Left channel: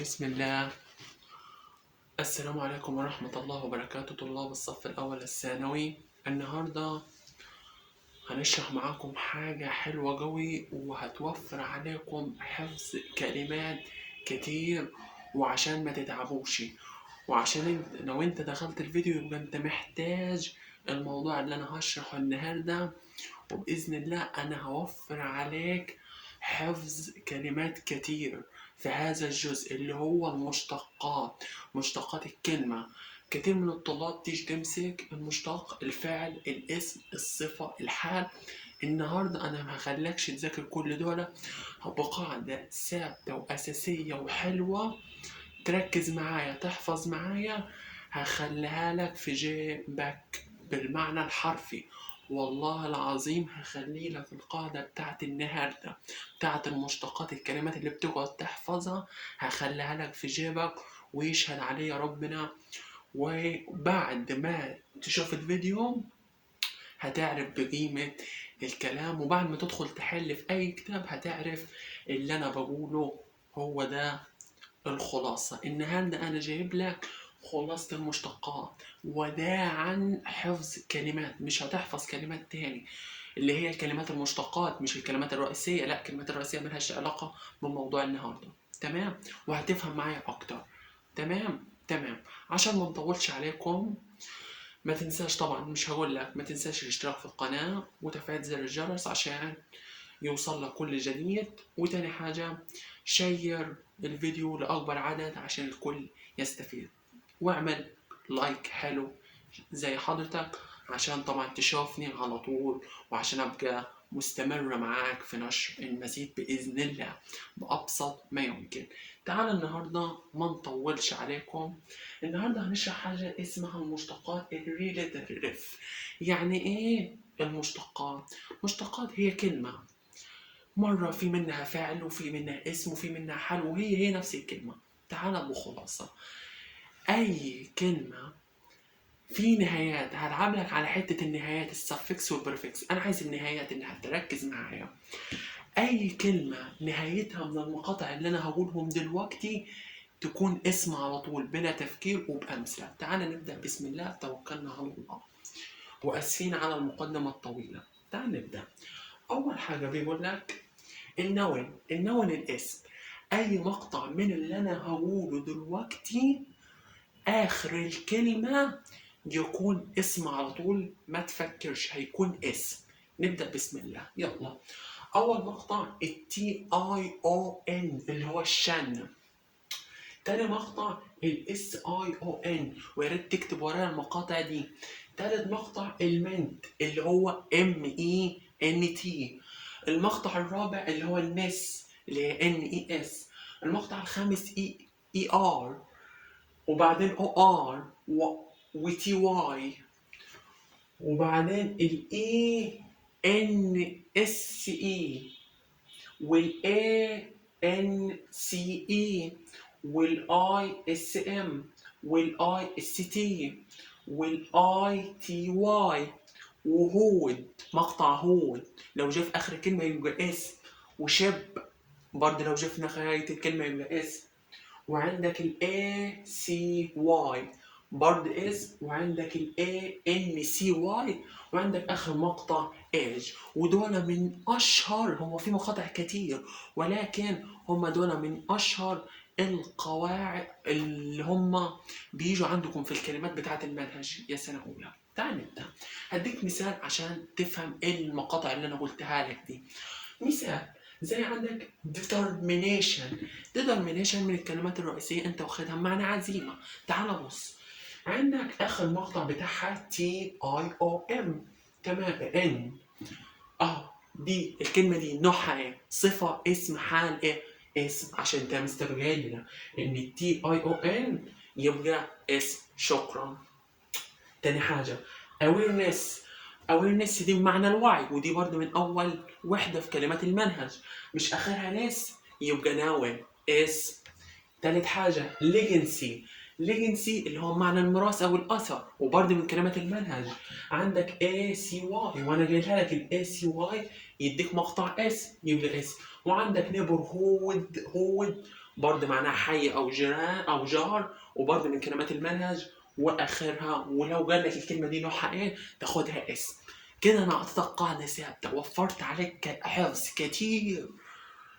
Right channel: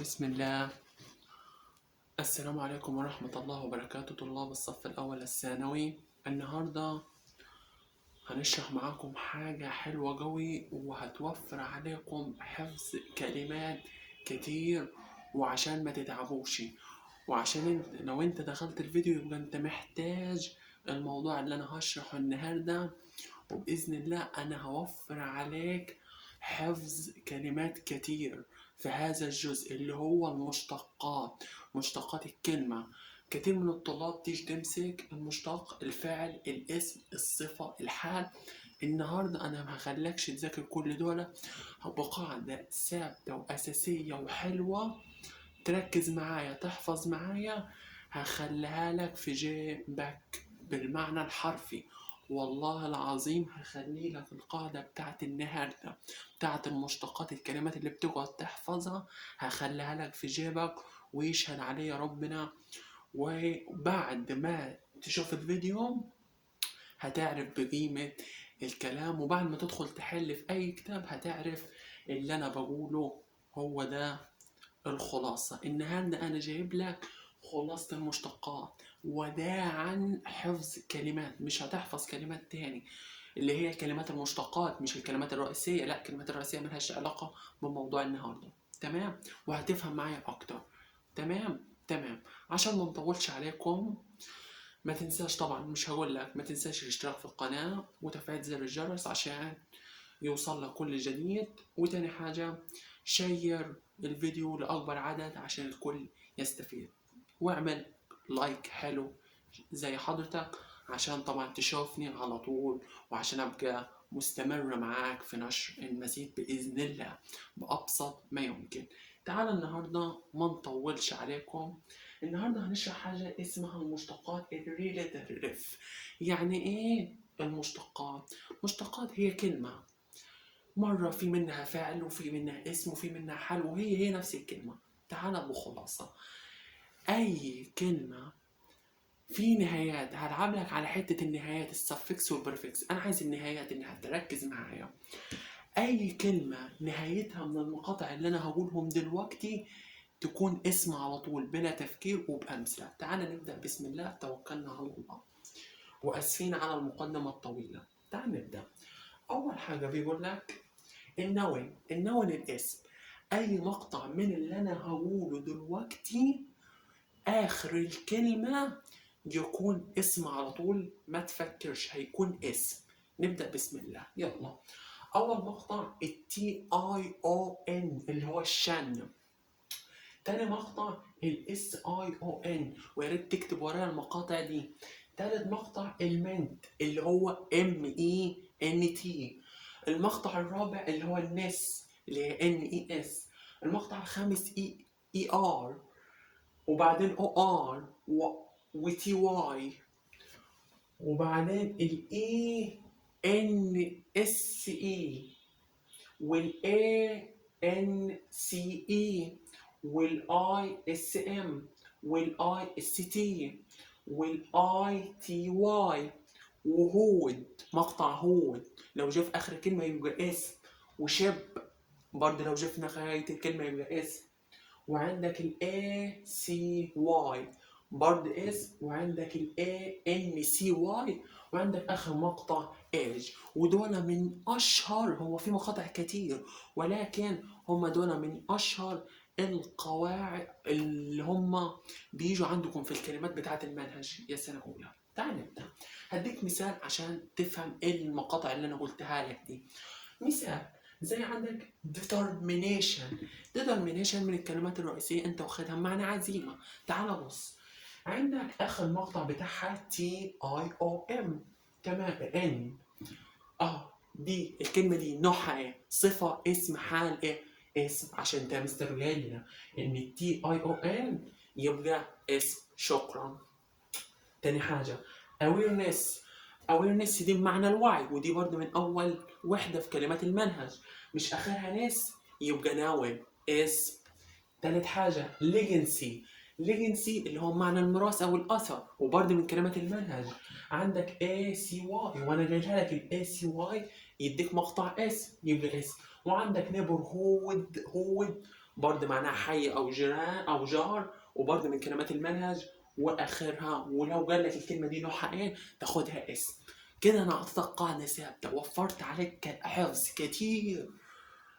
بسم الله. السلام عليكم ورحمة الله وبركاته، طلاب الصف الأول الثانوي. النهاردة هنشرح معاكم حاجة حلوة قوي وهتوفر عليكم حفظ كلمات كتير، وعشان ما تتعبوش، وعشان لو انت دخلت الفيديو يبقى انت محتاج الموضوع اللي انا هشرحه النهاردة، وبإذن الله أنا هوفر عليك حفظ كلمات كتير في هذا الجزء اللي هو المشتقات، مشتقات الكلمة. كتير من الطلاب تيجي تمسك المشتق، الفعل، الاسم، الصفة، الحال. النهاردة أنا ما هخليكش تذاكر كل دول، بقاعدة ثابتة وأساسية وحلوة تركز معايا تحفظ معايا، هخليها لك في جيبك بالمعنى الحرفي. والله العظيم هخلي لك القاعدة بتاعت النهاردة بتاعت المشتقات، الكلمات اللي بتقعد تحفظها هخليها لك في جيبك، ويشهد علي ربنا. وبعد ما تشوف الفيديو هتعرف بقيمة الكلام، وبعد ما تدخل تحل في أي كتاب هتعرف اللي أنا بقوله هو ده الخلاصة. النهاردة أنا جايب لك خلاصة المشتقات، وده عن حفظ كلمات. مش هتحفظ كلمات تاني اللي هي الكلمات المشتقات، مش الكلمات الرئيسية، لا الكلمات الرئيسية ملهاش علاقة بموضوع النهاردة. تمام؟ وهتفهم معايا أكتر. تمام. عشان ما نطولش عليكم، ما تنساش طبعا، مش هقول لك ما تنساش الاشتراك في القناة وتفعيل زر الجرس عشان يوصل لك كل جديد. وتاني حاجة، شير الفيديو لأكبر عدد عشان الكل يستفيد، واعمل لايك حلو زي حضرتك عشان طبعا تشوفني على طول، وعشان أبقى مستمرة معاك في نشر المزيد بإذن الله بأبسط ما يمكن. تعال النهاردة ما نطولش عليكم، النهاردة هنشرح حاجة اسمها المشتقات الريليتيف. يعني ايه المشتقات؟ مشتقات هي كلمة مرة في منها فعل وفي منها اسم وفي منها حال، وهي نفس الكلمة. تعال بخلاصة، أي كلمة في نهايات هلعب لك على حتة النهايات، السفكس والبريفكس. أنا عايز النهايات إنها تركز معايا. أي كلمة نهايتها من المقاطع اللي أنا هقولهم دلوقتي تكون اسم على طول بلا تفكير وبأمثلة. تعال نبدأ. بسم الله توكلنا على الله، وأسفين على المقدمة الطويلة. تعال نبدأ. أول حاجة بيقول لك النون الاسم. اي مقطع من اللي انا هقوله دلوقتي اخر الكلمة يكون اسم على طول، ما تفكرش هيكون اسم. نبدأ بسم الله، يلا. اول مقطع التي اي او ان اللي هو الشن. تاني مقطع الاس اي او ان، ويا ريت تكتب ورايا المقاطع دي. تالت مقطع المنت اللي هو ام اي ان تي. المقطع الرابع اللي هو النس اللي هي ان اي اس. المقطع الخامس اي ار، وبعدين او ار وتي واي، وبعدين الاي ان اس اي، والاي ان سي اي، والاي اس ام، والاي اس تي، والاي تي واي، وهود. مقطع هود لو جه في اخر كلمه يبقى اسم، وشب برضه لو جه في نهايه الكلمه يبقى اسم. وعندك ال ACY برضه اسم، وعندك ال ANCY، وعندك آخر مقطع age. ودول من أشهر، هو في مقاطع كتير ولكن هم دول من أشهر القواعد اللي هم بيجوا عندكم في الكلمات بتاعة المنهج يا سنة أولى. تعال نبدأ. هديك مثال عشان تفهم ايه المقاطع اللي أنا قلتها لك دي. مثال زي عندك determination. determination من الكلمات الرئيسية انت واخدها معنى عزيمة. تعال بص، عندك اخر مقطع بتاعها TIOM. تمام. ان دي الكلمة دي نوعها ايه؟ صفة، اسم، حال؟ ايه؟ اسم، عشان انت مستبعدنا ان TION يبقى اسم. شكرا. تاني حاجة awareness دي بمعنى الوعي، ودي برضه من أول وحدة في كلمات المنهج، مش آخرها نس يبقى ناوي اسم. تالت حاجة legacy اللي هو معنى الميراث أو الأثر، وبرضه من كلمات المنهج. عندك ACY، وأنا جايلها لك ال ACY يديك مقطع اسم يبقى اسم. وعندك neighborhood برضه معناها حي أو جيران أو جار، وبرضه من كلمات المنهج. وآخرها ولو قال لك الكلمة دي نوعها إيه تاخدها اسم. كده أنا أعطيتك قاعدة ثابتة، وفرت عليك حفظ كتير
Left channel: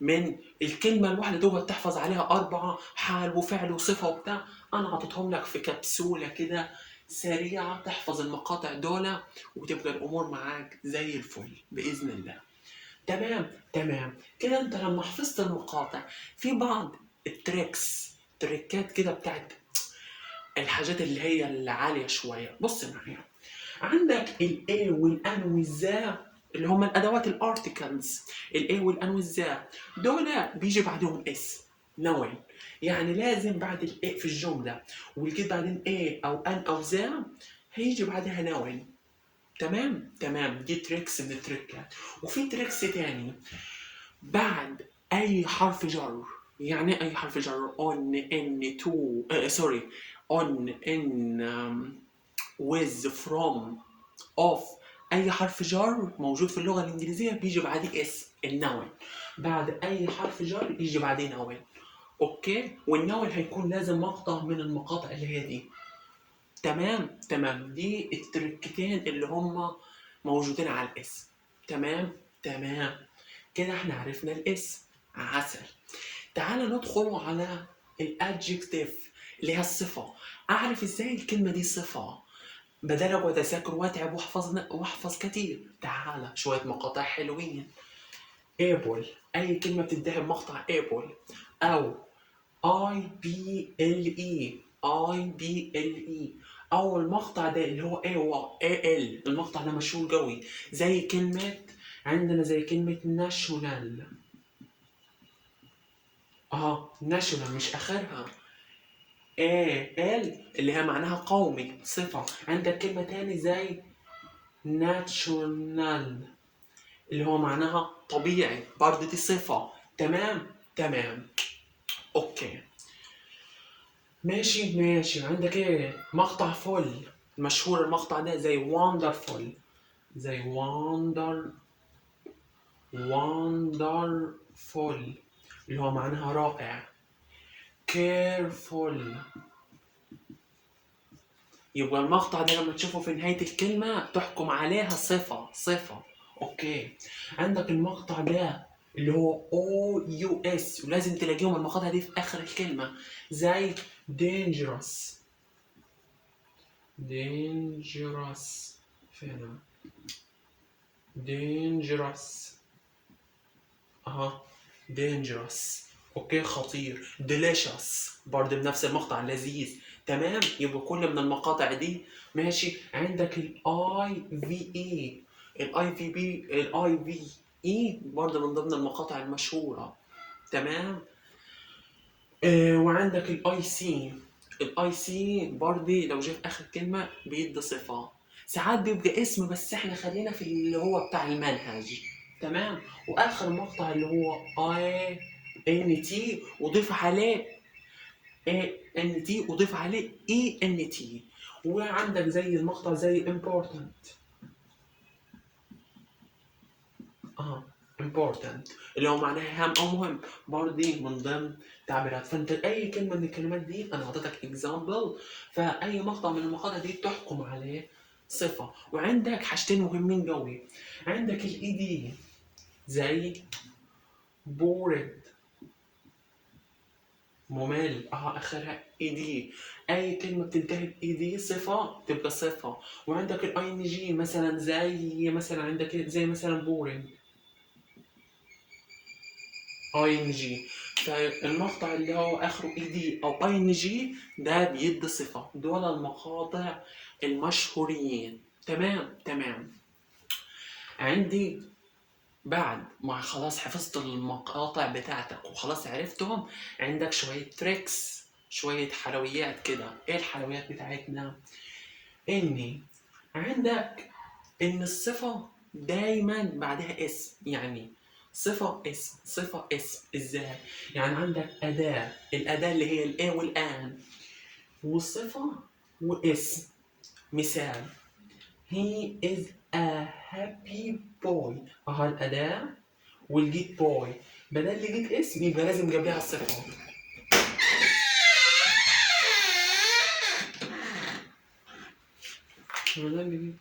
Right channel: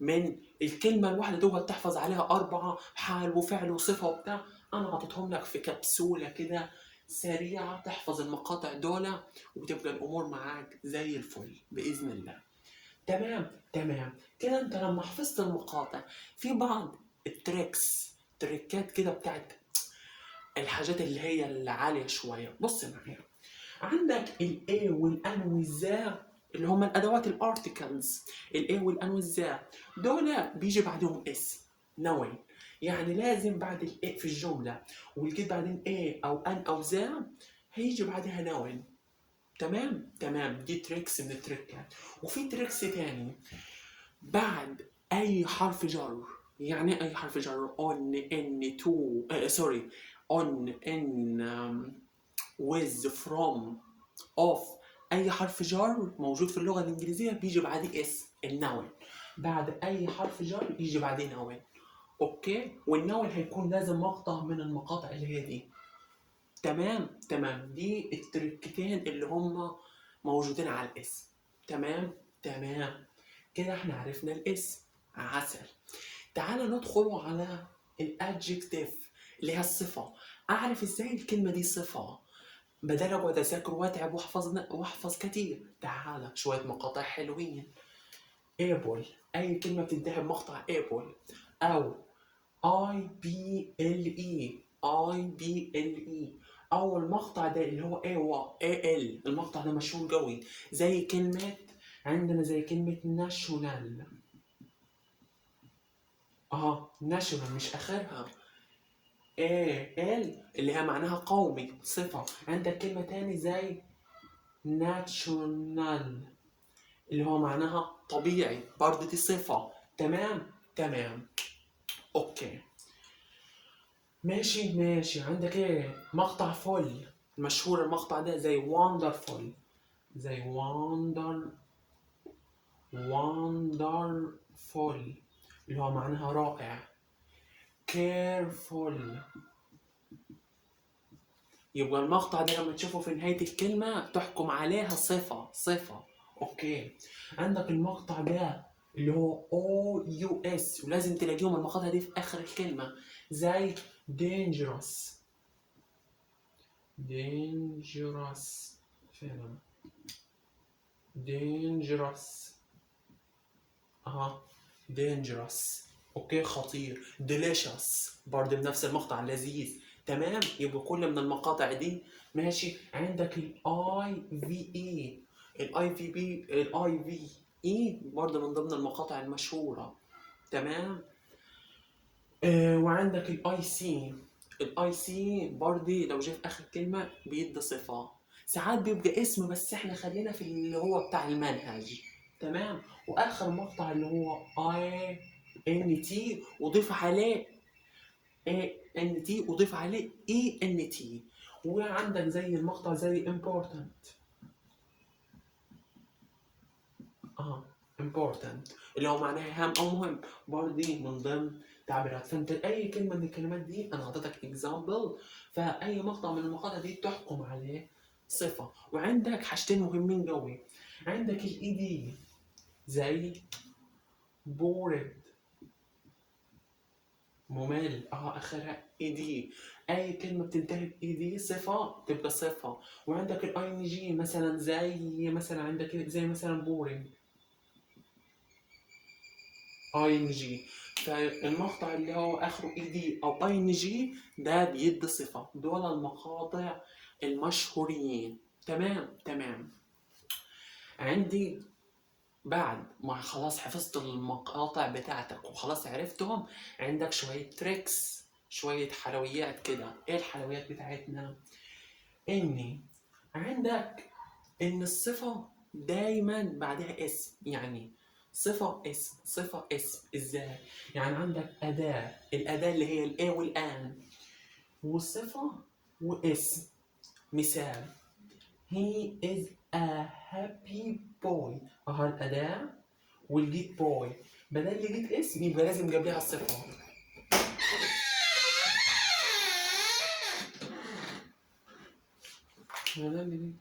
من الكلمة الواحدة دوبك تحفظ عليها 4 حال وفعل وصفة وبتاع. أنا عطيتهم لك في كبسولة كده سريعة تحفظ المقاطع دولة، وتبقى الأمور معاك زي الفل بإذن الله. تمام تمام. كده أنت لما حفظت المقاطع في بعض تريكات كده بتاعت الحاجات اللي هي العالية شوية. بص معايا، عندك الاي والان والذا اللي هم الادوات الارتكلز. الاي والان والذا دول بيجي بعدهم اس نوين، يعني لازم بعد الاي في الجمله والجي بعدين اي او ان او ذا هيجي بعدها نوين. تمام تمام. دي تريكس من التريكات. وفي تريكس تاني بعد اي حرف جر. يعني اي حرف جر on ان to سوري on in with from of. اي حرف جر موجود في اللغه الانجليزيه بيجي بعديه اس النون. بعد اي حرف جر يجي بعديه نون. اوكي. والنون هيكون لازم مقطع من المقاطع اللي هي دي. تمام تمام. دي التركتين اللي هم موجودين على الاسم. تمام تمام. كده احنا عرفنا الاسم. عسل. تعالى ندخل على الادجكتيف اللي هي الصفه. اعرف ازاي الكلمه دي صفه بدل اقعد اذاكر واتعب واحفظ كتير. تعالى شويه مقاطع حلوين. able، اي كلمه بتنتهي بمقطع able او I B L E. او المقطع ده اللي هو AL، المقطع ده مشهور قوي. زي كلمه عندنا زي كلمه national. national مش اخرها ال اللي هي معناها قومي صفة. عندك كلمة تاني زي ناتشونال اللي هو معناها طبيعي، برضه دي صفة. تمام تمام. اوكي ماشي ماشي. عندك ايه مقطع فل مشهور المقطع ده زي wonderful. زي wonderful اللي هو معناها رائع. careful. يبقى المقطع ده لما تشوفه في نهاية الكلمة تحكم عليها صفة. اوكي. عندك المقطع ده اللي هو OUS، ولازم تلاقيهم المقاطع دي في آخر الكلمة زي dangerous. فين dangerous dangerous. اوكي خطير. delicious برضه بنفس المقطع لذيذ. تمام. يبقى كل من المقاطع دي ماشي. عندك الاي في اي برضه من ضمن المقاطع المشهورة. تمام. وعندك الاي سي برضه لو جه في اخر كلمة بيدي صفة. ساعات بيبقى اسم بس احنا خلينا في اللي هو بتاع المنهج. تمام. واخر مقطع اللي هو اي ان تي وضيف عليه اي ان تي. وعندك زي المقطع زي important important اللي هو معناها هام او مهم، برضه من ضمن تعبيرات. فانت اي كلمه من الكلمات دي انا اعطيتك اكزامبل، فاي مقطع من المقاطع دي تحكم عليه صفه. وعندك حاجتين مهمين قوي. عندك الاي دي زي bored ممل اخرها اي دي. اي كلمه بتنتهي باي دي صفه تبقى صفه. وعندك الاي ان جي مثلا زي مثلا عندك زي مثلا بورينج اي ان جي. فالمقطع اللي هو اخره اي دي او اي ان جي ده بيدي صفه. دول المقاطع المشهورين. تمام تمام. عندي بعد ما خلاص حفظت المقاطع بتاعتك وخلاص عرفتهم، عندك شوية تريكس شوية حلويات كده. ايه الحلويات بتاعتنا؟ اني عندك ان الصفة دايما بعدها اسم. يعني صفة اسم ازاي؟ يعني عندك أداة، الأداة اللي هي الإيه والآن، والصفة واسم. مثال he is a happy boy. الأداة والجيت بوي بدل اللي جيت اسم يبقى لازم جنبها الصفة. ما ده اللي جه.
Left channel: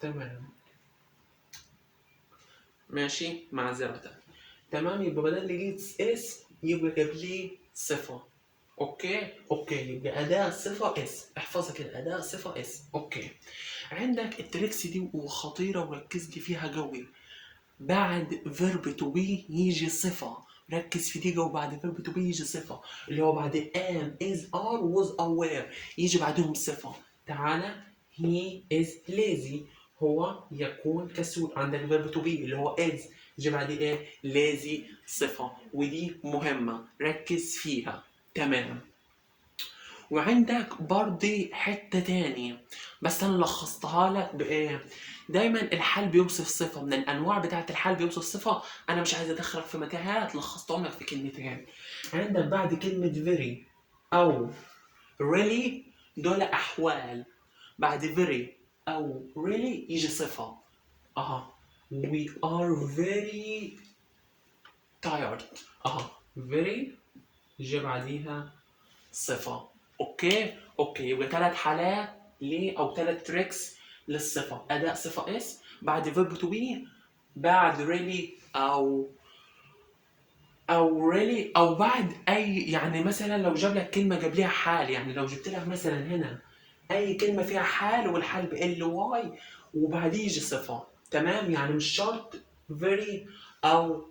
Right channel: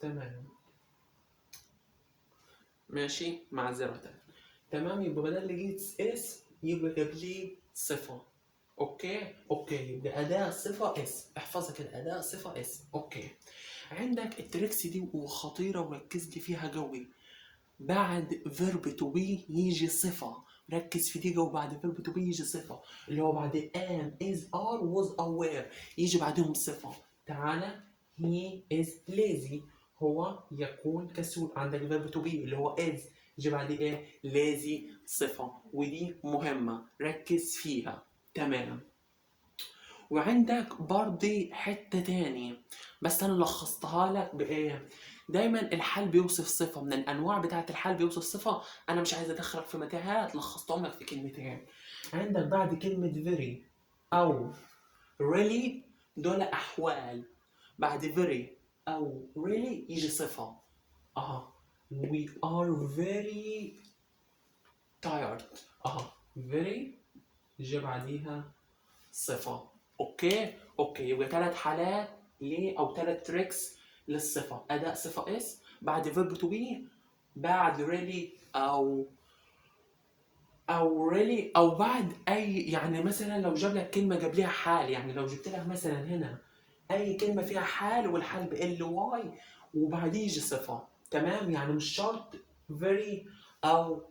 تمام ماشي، معذرة. تمام، يبقى بدل اللي جيت اسم يبقى جاب لي صفة. اوكي يبقى أداة صفة اسم، احفظها كده، أداة صفة اسم. اوكي، عندك التريكس دي وخطيرة وركز لي فيها قوي. بعد فيرب تو بي يجي صفة، ركز في دي جو. بعد فيرب تو بي يجي صفة، اللي هو بعد am is are was aware يجي بعدهم صفة. تعالى، he is lazy، هو يكون كسول. عندك فيرب تو بي اللي هو is يجي بعد ايه؟ lazy صفة، ودي مهمة ركز فيها. تمام. وعندك برضه حتة تانية بس أنا لخصتها لك بإيه؟ دايما الحال بيوصف صفة من الأنواع بتاعة الحال بيوصف صفة. أنا مش عايز أدخلك في متاهات، لخصتهم لك في كلمتين. عندك بعد كلمة very أو really دول أحوال. بعد very أو really يجي صفة. we are very tired. very يجي بعديها صفة. اوكي يبقى 3 حالات ليه او 3 تريكس للصفة. اداء صفة اس، بعد فيرب تو بي، بعد really او really او بعد اي، يعني مثلا لو جاب لك كلمة جاب ليها حال، يعني لو جبت لك مثلا هنا اي كلمة فيها حال والحال بال واي وبعديه يجي صفة. تمام، يعني مش شرط very او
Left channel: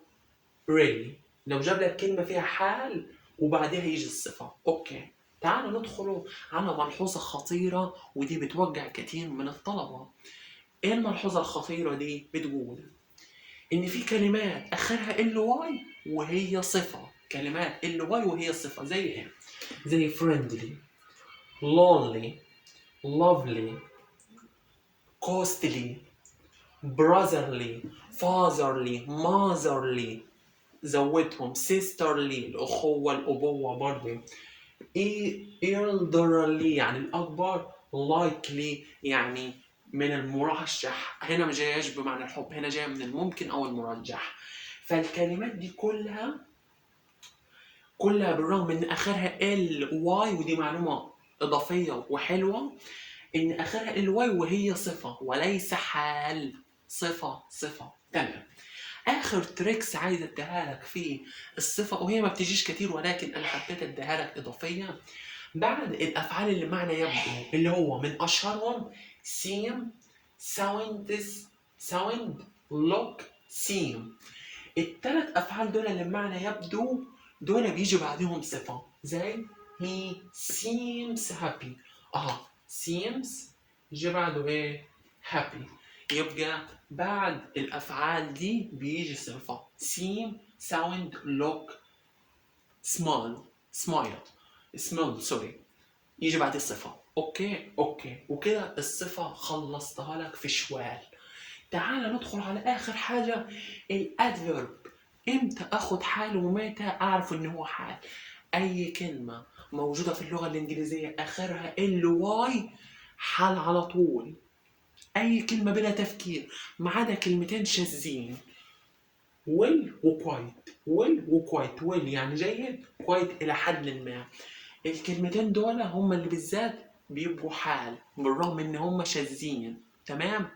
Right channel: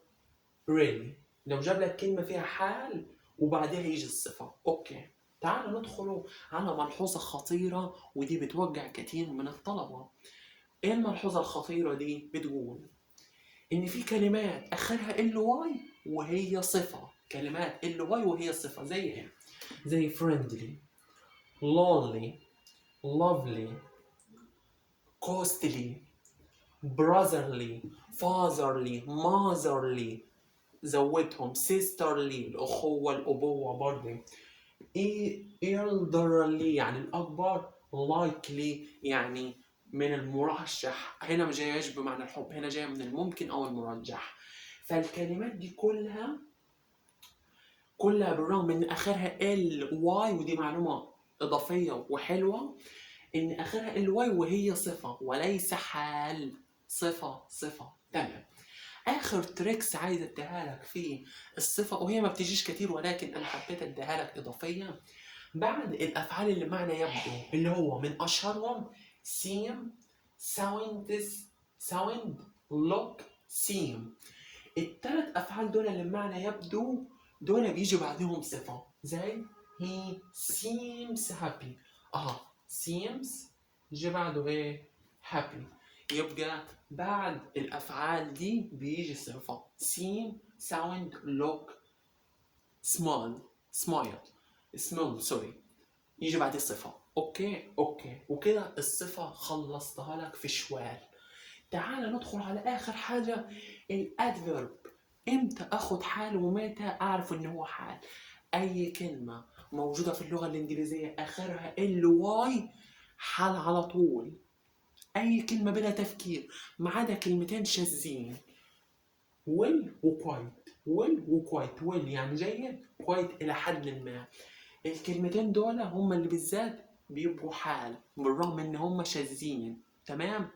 really. لو جاب لك كلمة فيها حال وبعدها يجي الصفة. اوكي، تعالوا ندخل على ملحوظة خطيرة ودي بتوجع كتير من الطلبة. ايه الملحوظة الخطيرة دي؟ بتقول ان في كلمات اخرها ال واي وهي صفة. كلمات ال واي وهي صفة زي ايه؟ زي friendly، lonely، lovely، costly، brotherly، fatherly، motherly، زودهم sisterly الأخوة الأبوة برضه، elderly يعني الأكبر، likely يعني من المرشح. هنا مش جايش بمعنى الحب، هنا جاية من الممكن أو المرجح. فالكلمات دي كلها بالرغم إن آخرها ال واي، ودي معلومة إضافية وحلوة، إن آخرها ال واي وهي صفة وليس حال. صفة. تمام. اخر تريكس عايز اديها لك في الصفه، وهي ما بتجيش كتير ولكن انا حبيت اديها لك اضافيا. بعد الافعال اللي معنى يبدو، اللي هو من اشهرهم seem، sound، look، seem. الثلاث افعال دول اللي بمعنى يبدو دول بيجي بعدهم صفه زي he seems happy. seems يجي بعده ايه؟ happy. يبقى بعد الافعال دي بيجي صفه seem، sound، look، smile سوري، يجي بعد الصفه. اوكي وكده الصفه خلصتها لك في شوال. تعال ندخل على اخر حاجه، الادفيرب. امتى اخد حال ومتى اعرف ان هو حال؟ اي كلمه موجوده في اللغه الانجليزيه اخرها ال واي حال على طول. اي كلمه بلا تفكير ما عدا كلمتين شاذين، ويل وكوايت. ويل يعني جيد، كوايت الى حد ما. الكلمتين دول هم اللي بالذات بيبقوا حال بالرغم ان هم شاذين. تمام.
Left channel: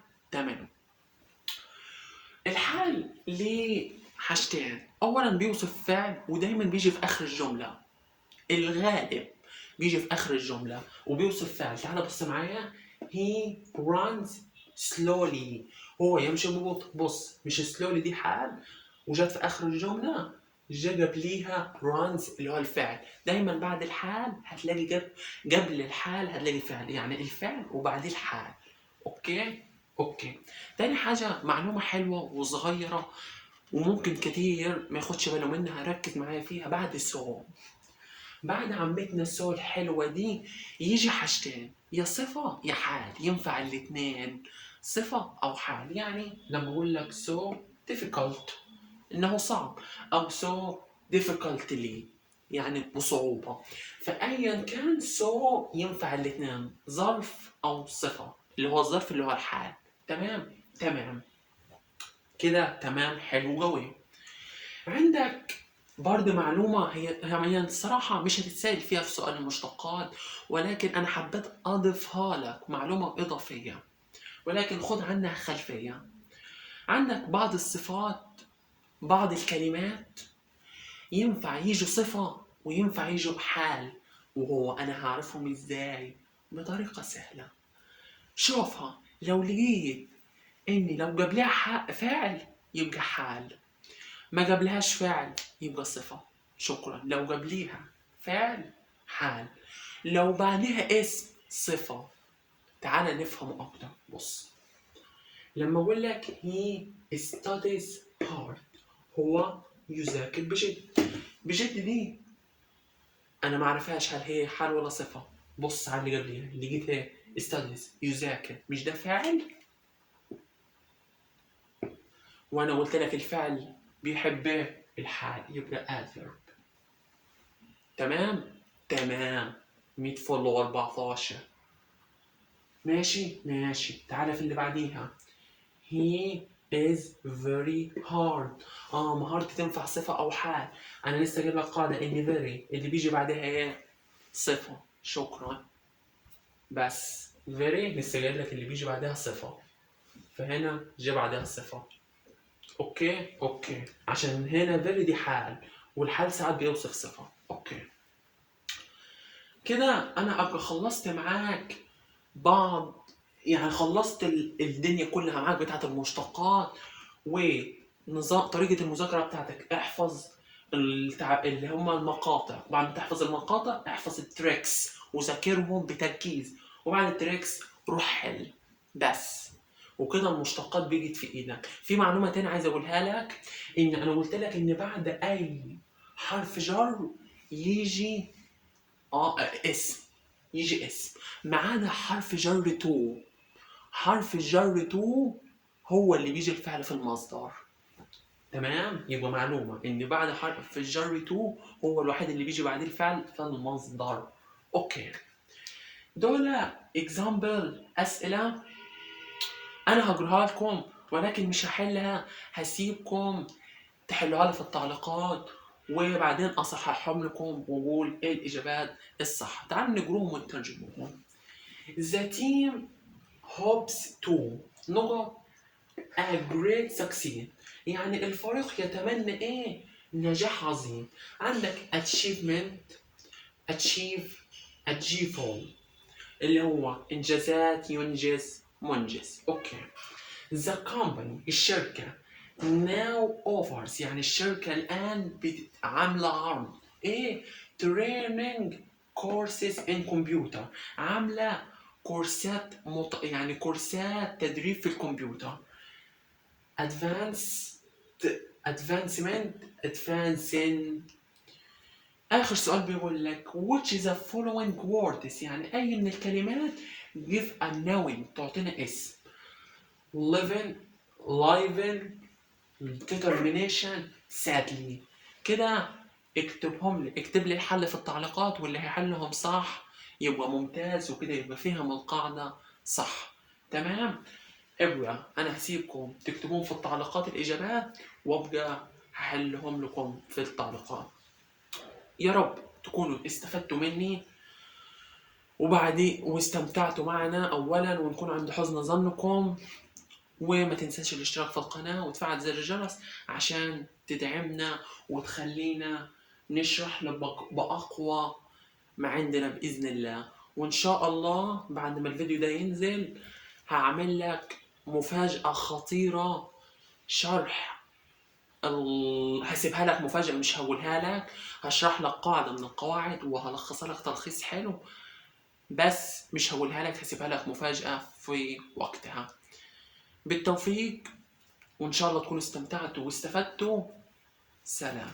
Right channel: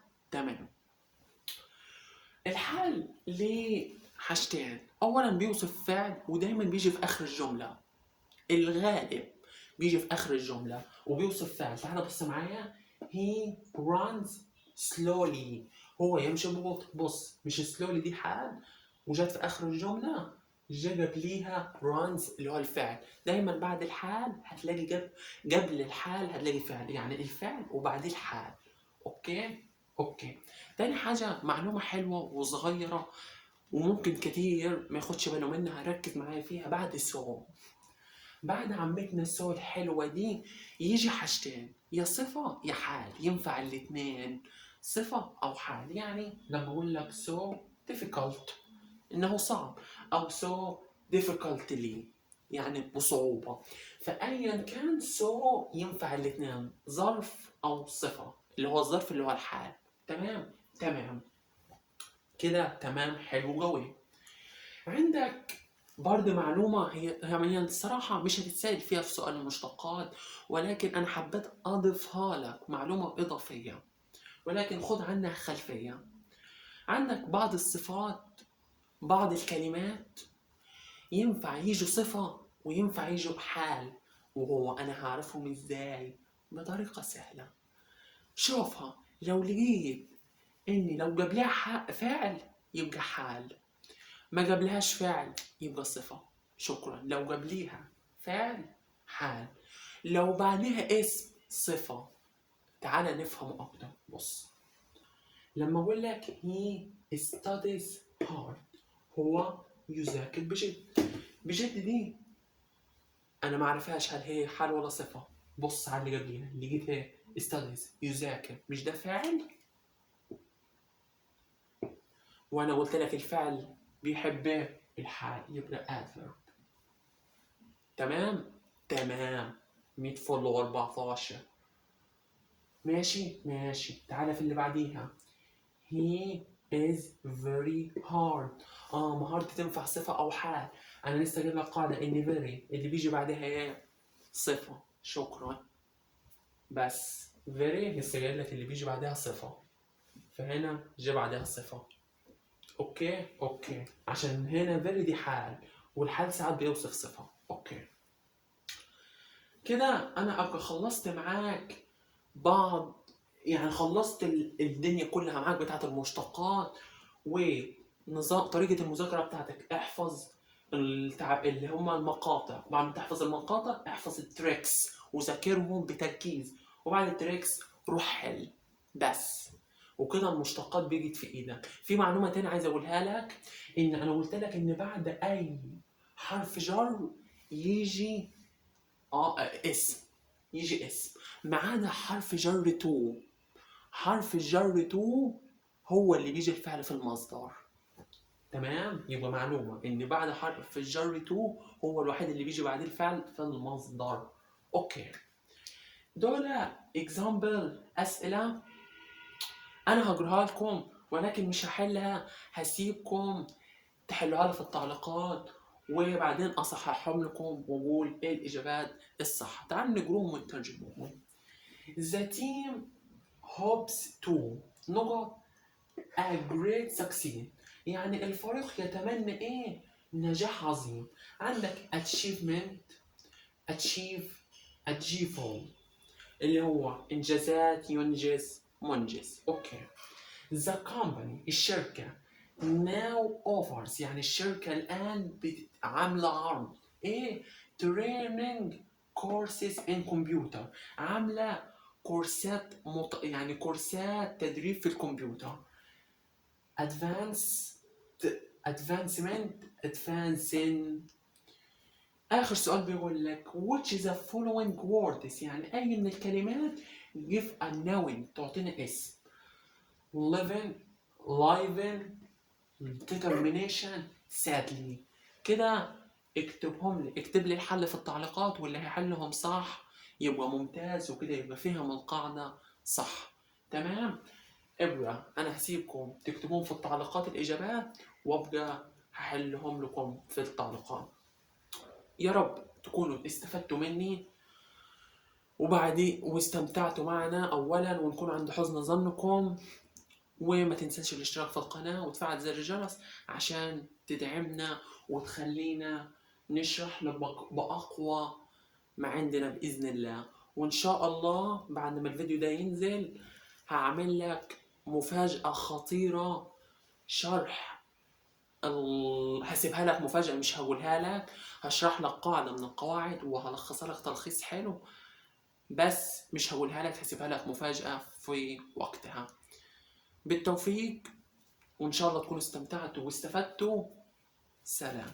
الحال ليه حاجتين، اولا بيوصف فعل ودايما بيجي في اخر الجمله، الغالب بيجي في اخر الجمله وبيوصف فعل. تعال بص معايا، he runs slowly، هو يمشي ببطء. بص، مش slowly دي حال وجت في اخر الجمله جاب ليها runs اللي هو الفعل. دايما بعد الحال هتلاقي قبل الحال هتلاقي فعل، يعني الفعل وبعديه الحال. اوكي. تاني حاجه معلومه حلوه وصغيره وممكن كتير ما ياخدش باله منها، ركز معايا فيها. بعد السؤال، بعد عمتنا السو الحلوة دي يجي حاجتين، يا صفة يا حال، ينفع الاتنين، صفة أو حال. يعني لما أقول لك so difficult إنه صعب، أو so difficultly يعني بصعوبة، فأيا كان so ينفع الاتنين، ظرف أو صفة، اللي هو الظرف اللي هو الحال. تمام كده. تمام، حلو قوي. عندك برضه معلومة هي الصراحة مش هتتسأل فيها في سؤال المشتقات، ولكن أنا حبيت أضيفها لك معلومة إضافية، ولكن خد عنها خلفية. عندك بعض الصفات، بعض الكلمات ينفع يجوا صفة وينفع يجوا بحال، وهو أنا هعرفهم إزاي؟ بطريقة سهلة. شوفها، لو لقيت إني لو جابلها فعل يبقى حال، ما جابلهاش فعل يبقى صفة. شكرا. لو جابليها فعل حال، لو بعدها اسم صفة. تعال نفهم أكتر. بص، لما أقول لك he studies hard، هو يذاكر بجد. بجد دي أنا ما أعرفهاش هل هي حال ولا صفة. بص على اللي قبليها، لقيتها studies يذاكر، مش ده فاعل؟ وأنا قلت لك الفعل بيحب الحال يبقى adverb. تمام؟ تمام. 100 فل و14. ماشي ماشي. تعالى في اللي بعديها. he is very hard. مهارة تنفع صفة أو حال. أنا لسه جايب لك قاعدة إن very اللي بيجي بعدها إيه؟ صفة. شكرا. بس very لسه جايب لك اللي بيجي بعدها صفة، فهنا جه بعدها صفة. أوكي عشان هنا very دي حال، والحال ساعات بيوصف صفة. أوكي كده أنا أبقى خلصت معاك بعض، يعني خلصت الدنيا كلها معاك بتاعت المشتقات ونظام طريقة المذاكرة بتاعتك. احفظ اللي هم المقاطع، وبعد ما تحفظ المقاطع احفظ التريكس وذاكرهم بتركيز، وبعد التريكس روح حل بس. وكده المشتقات بيجت في ايدك. في معلومة تانية عايز اقولها لك، ان انا قلت لك ان بعد اي حرف جر يجي اسم، يجي اسم ما عدا حرف جر تو. حرف الجر تو هو اللي بيجي الفعل في المصدر. تمام؟ يبقى معلومة ان بعد حرف الجر تو هو الوحيد اللي بيجي بعديه الفعل في المصدر. اوكي، دول اكزامبل اسئلة انا هقراها لكم، ولكن مش هحلها، هسيبكم تحلوها لي في التعليقات، وبعدين اصححهم لكم واقول ايه الاجابات الصح. تعالوا نقروهم ونترجموهم. The team hopes to نقط a great succeed، يعني الفريق يتمنى ايه؟ نجاح عظيم. عندك achievement، achieve، achievable اللي هو انجازات، ينجز، منجز. اوكي. the company الشركة now offers يعني الشركة الآن عاملة عرض ايه؟ training courses in computer، عاملة كورسات يعني كورسات تدريب في الكمبيوتر. advancing. آخر سؤال بيقول لك which is the following words، يعني أي من الكلمات give a noun تعطينا اسم. living، determination، sadly. كده اكتبهم لي، اكتب لي الحل في التعليقات، واللي هيحلهم صح يبقى ممتاز، وكده يبقى فهم القاعدة صح. تمام؟ ابقى انا هسيبكم تكتبون في التعليقات الاجابات، وابقى هحلهم لكم في التعليقات. يا رب تكونوا استفدتوا مني واستمتعتوا معنا اولا، ونكون عند حسن ظنكم. وما تنساش الاشتراك في القناة وتفعل زر الجرس عشان تدعمنا وتخلينا نشرح لك بأقوى ما عندنا بإذن الله. وإن شاء الله بعد ما الفيديو ده ينزل هعمل لك مفاجأة خطيرة، شرح هسيبها لك مفاجأة، مش هقولها لك. هشرح لك قاعدة من القواعد وهلخصها لك تلخيص حلو، بس مش هقولها لك، هسيبها لك مفاجأة في وقتها. بالتوفيق، وإن شاء الله تكونوا استمتعتوا واستفدتوا. سلام.